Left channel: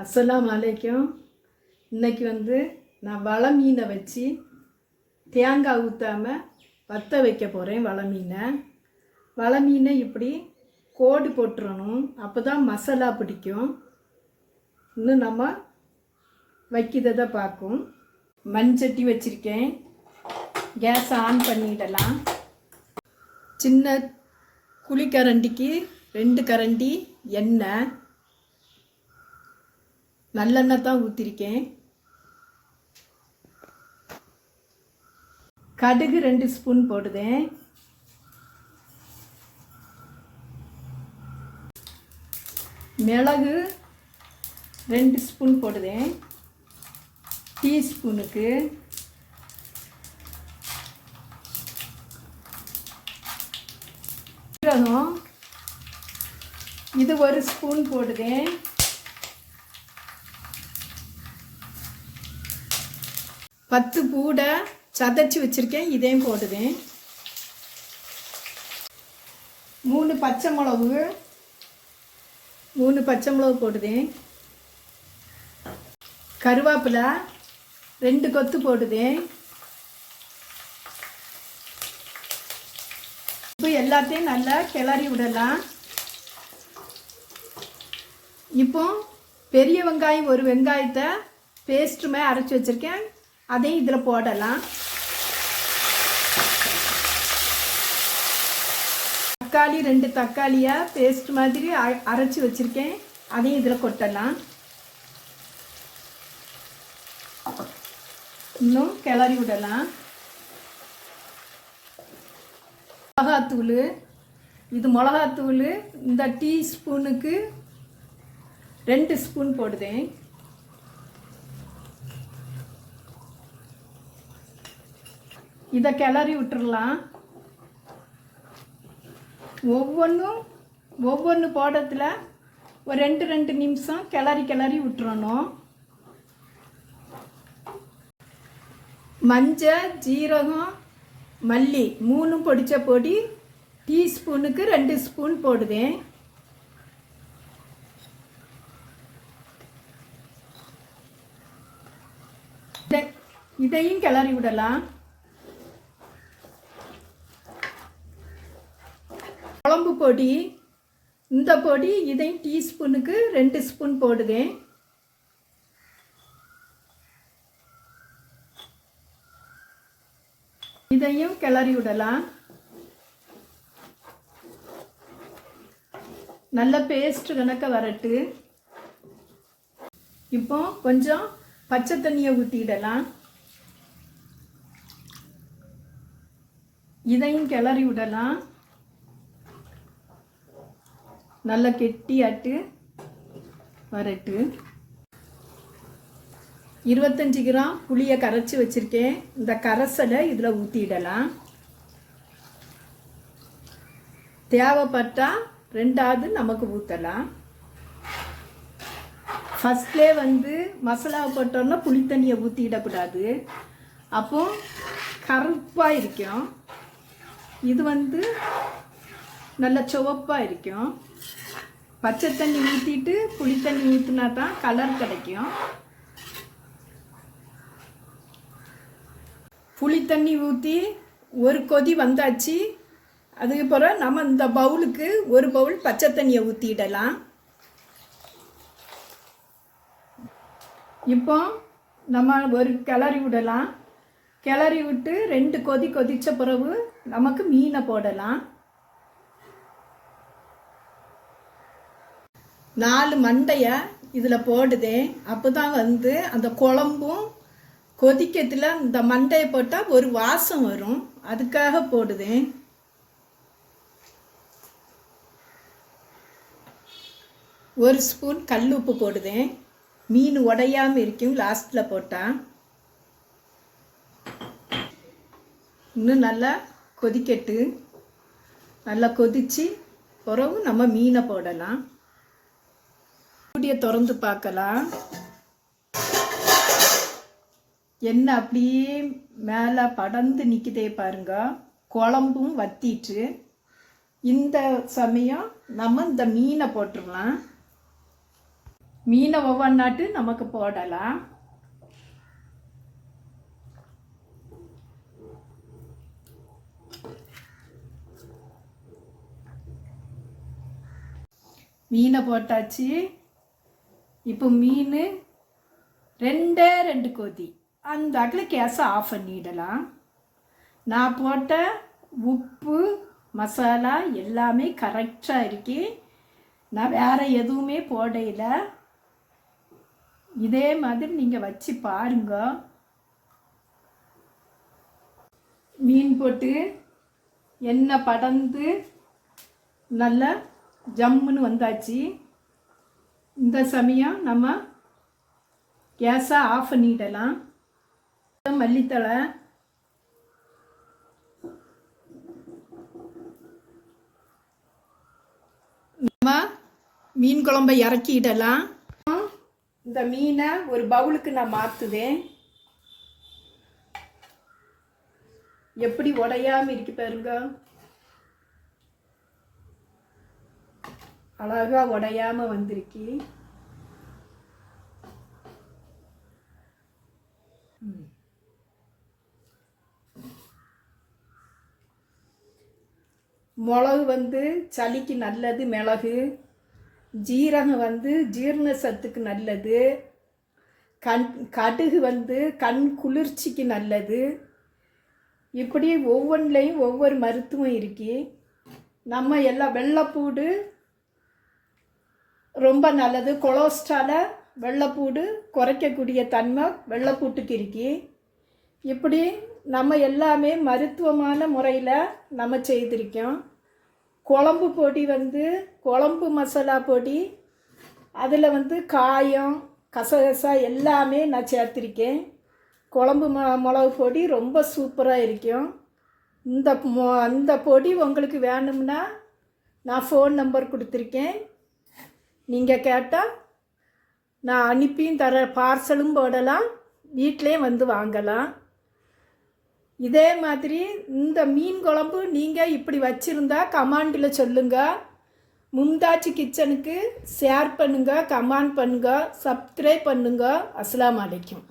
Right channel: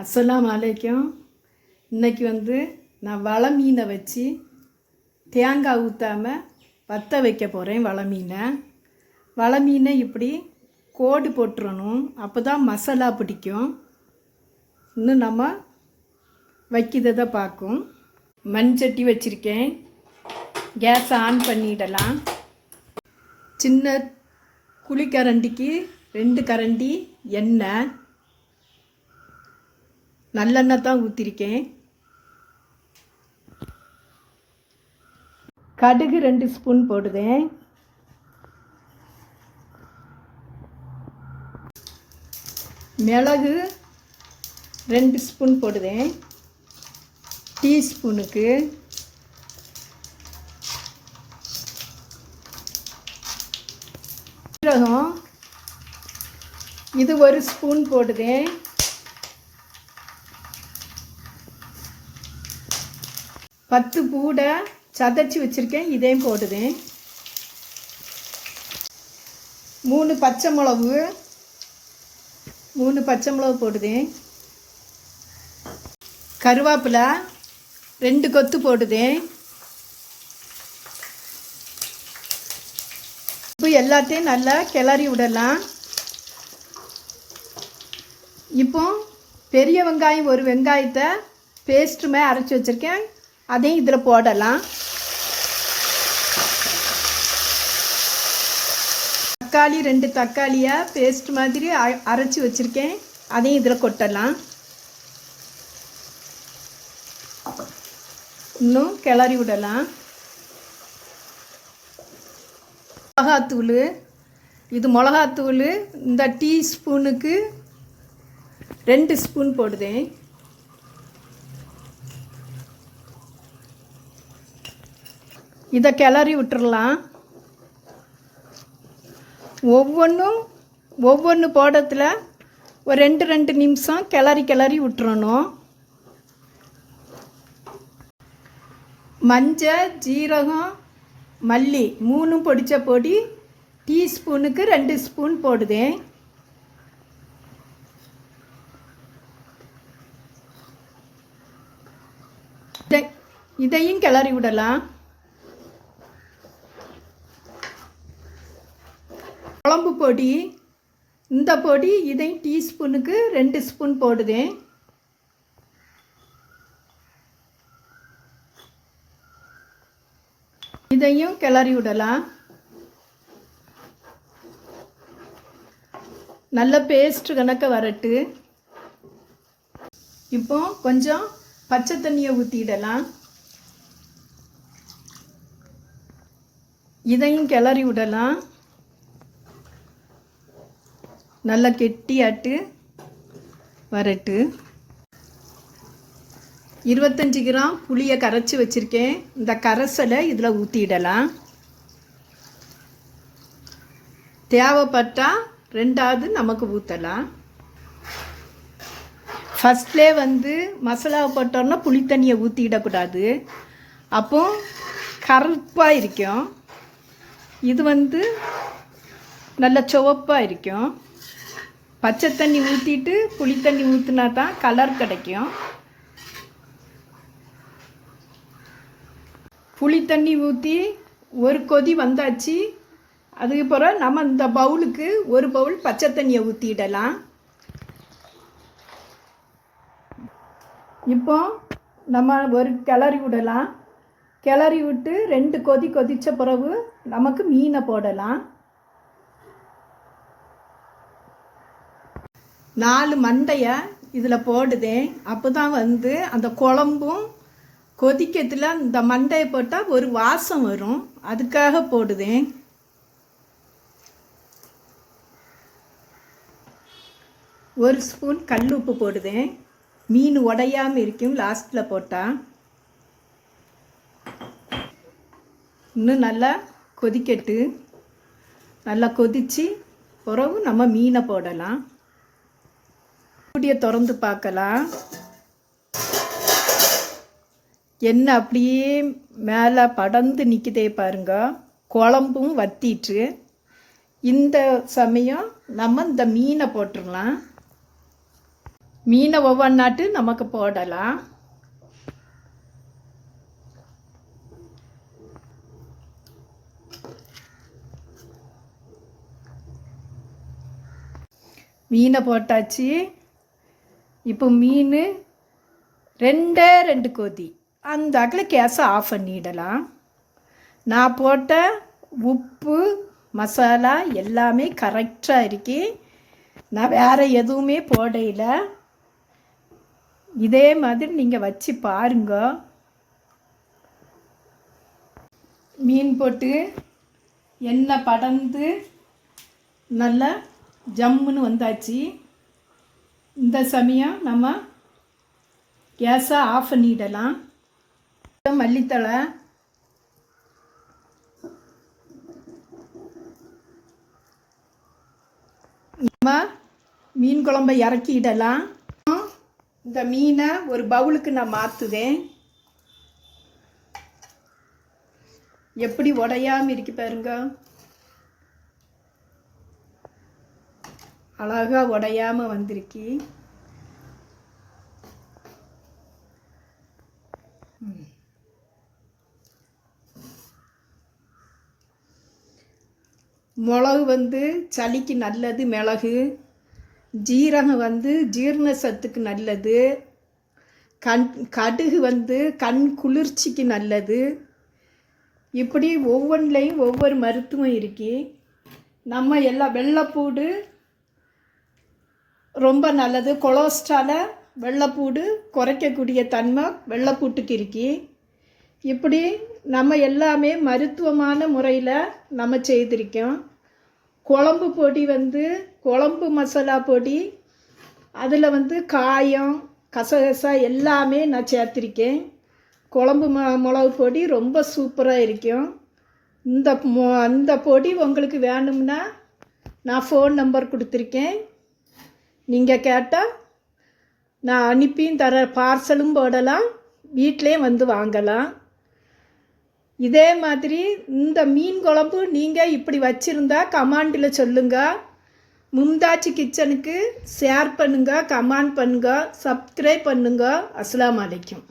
அஸ்ஸலாமு அலைக்கும். இன்றைக்கி நான் வலை மீனை வச்சு தேங்காய் ஊற்றாமல் வற்ற வைக்க போகிறேன். வலை மீனை இப்படி கோடு போட்டுறணும், அப்போ தான் மசாலா பிடிக்கும். இன்னும் நம்ம வைக்கிறதை பார்க்கும். மண்சட்டி வச்சுருக்கேன், கேஸ் ஆன் பண்ணிடலாம். சின்ன குழிக்கரண்டிக்கு 2 கரண்டி எண்ணெய், நல்லெண்ணெய் தான் ஊற்றிருக்கேன். கடுகு 2 ஸ்பூன் போடுதேன். மிளகு 2 ஸ்பூன் போடுதேன் டீஸ்பூனுக்கு. சீரகம் இது 1 ஸ்பூன் போடுதேன். பத்து பூடை சதைச்சி வச்சுருக்கேன், இதையும் போடுதேன். 3 பச்சை மிளகு போடுதேன். கருவேப்பிலை 2 கொத்து போடுதேன். இப்போ எல்லாத்தையும் நல்லா கிளறி விடலாம். இப்போ பெரிய வெங்காயம் 1 வெங்காயத்தை பேஸ்ட்டுமே அரைச்சி வச்சுருக்கேன், அதையும் இதில் போடலாம். தக்காளி 2 தக்காளியை பேஸ்ட் மாதிரி அரைச்சி வச்சுருக்கேன், அதையும் இதில் கொட்டலாம். இன்னும் கிளறி விடலாம். மிளகாத்தூள், இது மிளகாத்தூள் இந்த டீஸ்பூனுக்கு 2 ஸ்பூன் போடுதேன். இதை கிளறி விட்டுறலாம். ஒவ்வொன்று போடுறதுல ஒரு 2 நிமிஷம் கிளறி விட்டுறணும். மஞ்சள், ஜீரகம், மல்லி 3 பொடிச்ச பொடி டீஸ்பூனுக்கு 2 ஸ்பூன் போடுதேன். இதையும் கிளறி விடலாம். குழம்பு பொடி, இந்த பொடி இதையும் டீஸ்பூனுக்கு 2 ஸ்பூன் போடுதேன். இதையும் கிளறி விடலாம். நல்ல பேஸ்ட் கணக்க வரட்டு. இப்போ கொஞ்சம் பச்சை தண்ணியை ஊற்றிடலாம். இதையும் கிளறி விடலாம். நல்லா கெட்டியாட்டு வரட்டு. 25 கிராம் புளியை கரைச்சி வச்சுருக்கேன், இந்த கரைசலை இதில் ஊற்றிடலாம். தேவைப்பட்டால் 2வது நமக்கு ஊற்றலாம். ஃபஸ்ட்லே மசாலாவை போட்டோன்னா புளி தண்ணியை ஊற்றிடக்கூடாது, அப்போ கருப்பாக இருக்கும். இது நல்ல சிவப்பாக இருக்கும். பச்சை தண்ணி ஊற்றிட்டு புளி தண்ணி ஊற்றினா தான் கலர் கிடைக்கும். புளி தண்ணி ஊற்றி ஒரு கொதி வந்தாச்சு. அதுக்கு பிறகு நம்ம இந்த பவுலுக்கு 1 பவுல் பச்சை தண்ணியை ஊற்றிடலாம். இப்போ நம்ம ஒரு கிளறி விடலாம். கிளறி விட்டு 2 கொதி கொதித்த பிறகு நமக்கு மீனை போடலாம். 4 மண்டையை இதில் போடுதேன், அப்போ தான் அந்த குழம்பும் கொதிக்கிறதுல இந்த மண்டையை போட்டால் ஒரு வாசம் வரும், அதுக்காக போடுதேன். ஒரு ஸ்பூன் கல் உப்பு போடுதேன், மீன் உடையாமல் இருக்கும் லாஸ்ட்டில் போட்டால். இன்னும் நல்லா கொதிக்கட்டு. நல்லா கொதித்து பிறகு நம்ம மீனை போடலாம். மூடியை திறந்து பார்க்கலாம். எண்ணெய் அப்படியே மேலே படர்ந்து நிற்குதே பாருங்க. குழம்பும் வத்திட்டு. இந்த சமயம் நம்ம இந்த மீனை போட்டுடலாம். மீனை ஒவ்வொன்றாட்டு நமக்கு போடலாம். மீனை போட்டாச்சு. இப்போ மீன் 2 கொதி அந்த அகல கேஸை ஆஃப் பண்ணிடலாம். நான் போட்ட உப்பு மசாலா எல்லாமே கரெக்டாக இருக்கு. நான் வேறு எதுவுமே போடையில. இதே மாதிரி நீங்கள் வச்சு பாருங்க. மீன் போட்டு எண்ணெய் படர்ந்து நல்லா ஜம்முன்னு வந்தாச்சு. இந்த சமயம் நம்ம கேஸை ஆஃப் பண்ணிடலாம். மல்லித்தழை, நம்ம மீன் குழம்பை இறக்கிடலாம். இந்த மீனை ஒரு பவுலுக்கு நான் மாற்றுதேன். எப்படி உடையாமல் இருக்கு பாருங்க. அழகா உடையாமல் வந்திருக்கு. மிளகு சளிக்கு நல்லது. மிளகு, ஜீரகம் ஜீரண சத்துக்கு நல்லது. கடுகு கண் குளிர்ச்சிக்கு நல்லது. இப்படி ஒவ்வொன்றிலையும் ஒவ்வொரு மருத்துவம் இருக்கு. நம்ம எல்லாம் வெள்ளைப்பூடு ரொம்ப நல்லது. கொலஸ்ட்ராலை வெள்ளைப்பூடு குறைக்கக்கூடிய தன்மை வெள்ளைப்பூட்டுக்கு இருக்கு. இப்படி நம்ம எல்லாமே மருத்துவமான முறையில் நம்ம செய்திருக்கோம். குழம்பு பொடி குழம்பு மசாலா பொடி, அதில் காயம் கசகசா எல்லாமே நான் சேர்த்திருக்கேன். குழம்பு மிளகு பொடி ரொம்ப சூப்பராக இருக்கும். இந்த பொடி உங்களுக்கு வேணும்னா நான் ஃபோன் நம்பர் கொடுத்துருக்கேன். நீங்கள் கேட்டால் நான் அனுப்பியும் தர. பார்சலும் போடலாம், வீட்டிலே வாங்கலாம். இதே மாதிரி இந்த மீன் குழம்பு நீங்கள் இப்படி வச்சுருந்தா கமெண்டில் சொல்லுங்கள். மும்தாஜ் கிச்சனுக்கு ஷேர் பண்ணுங்கள், கமெண்ட் பண்ணுங்கள், சப்ஸ்கிரைப் பண்ணுங்கள். அஸ்ஸலாமு அலைக்கும்.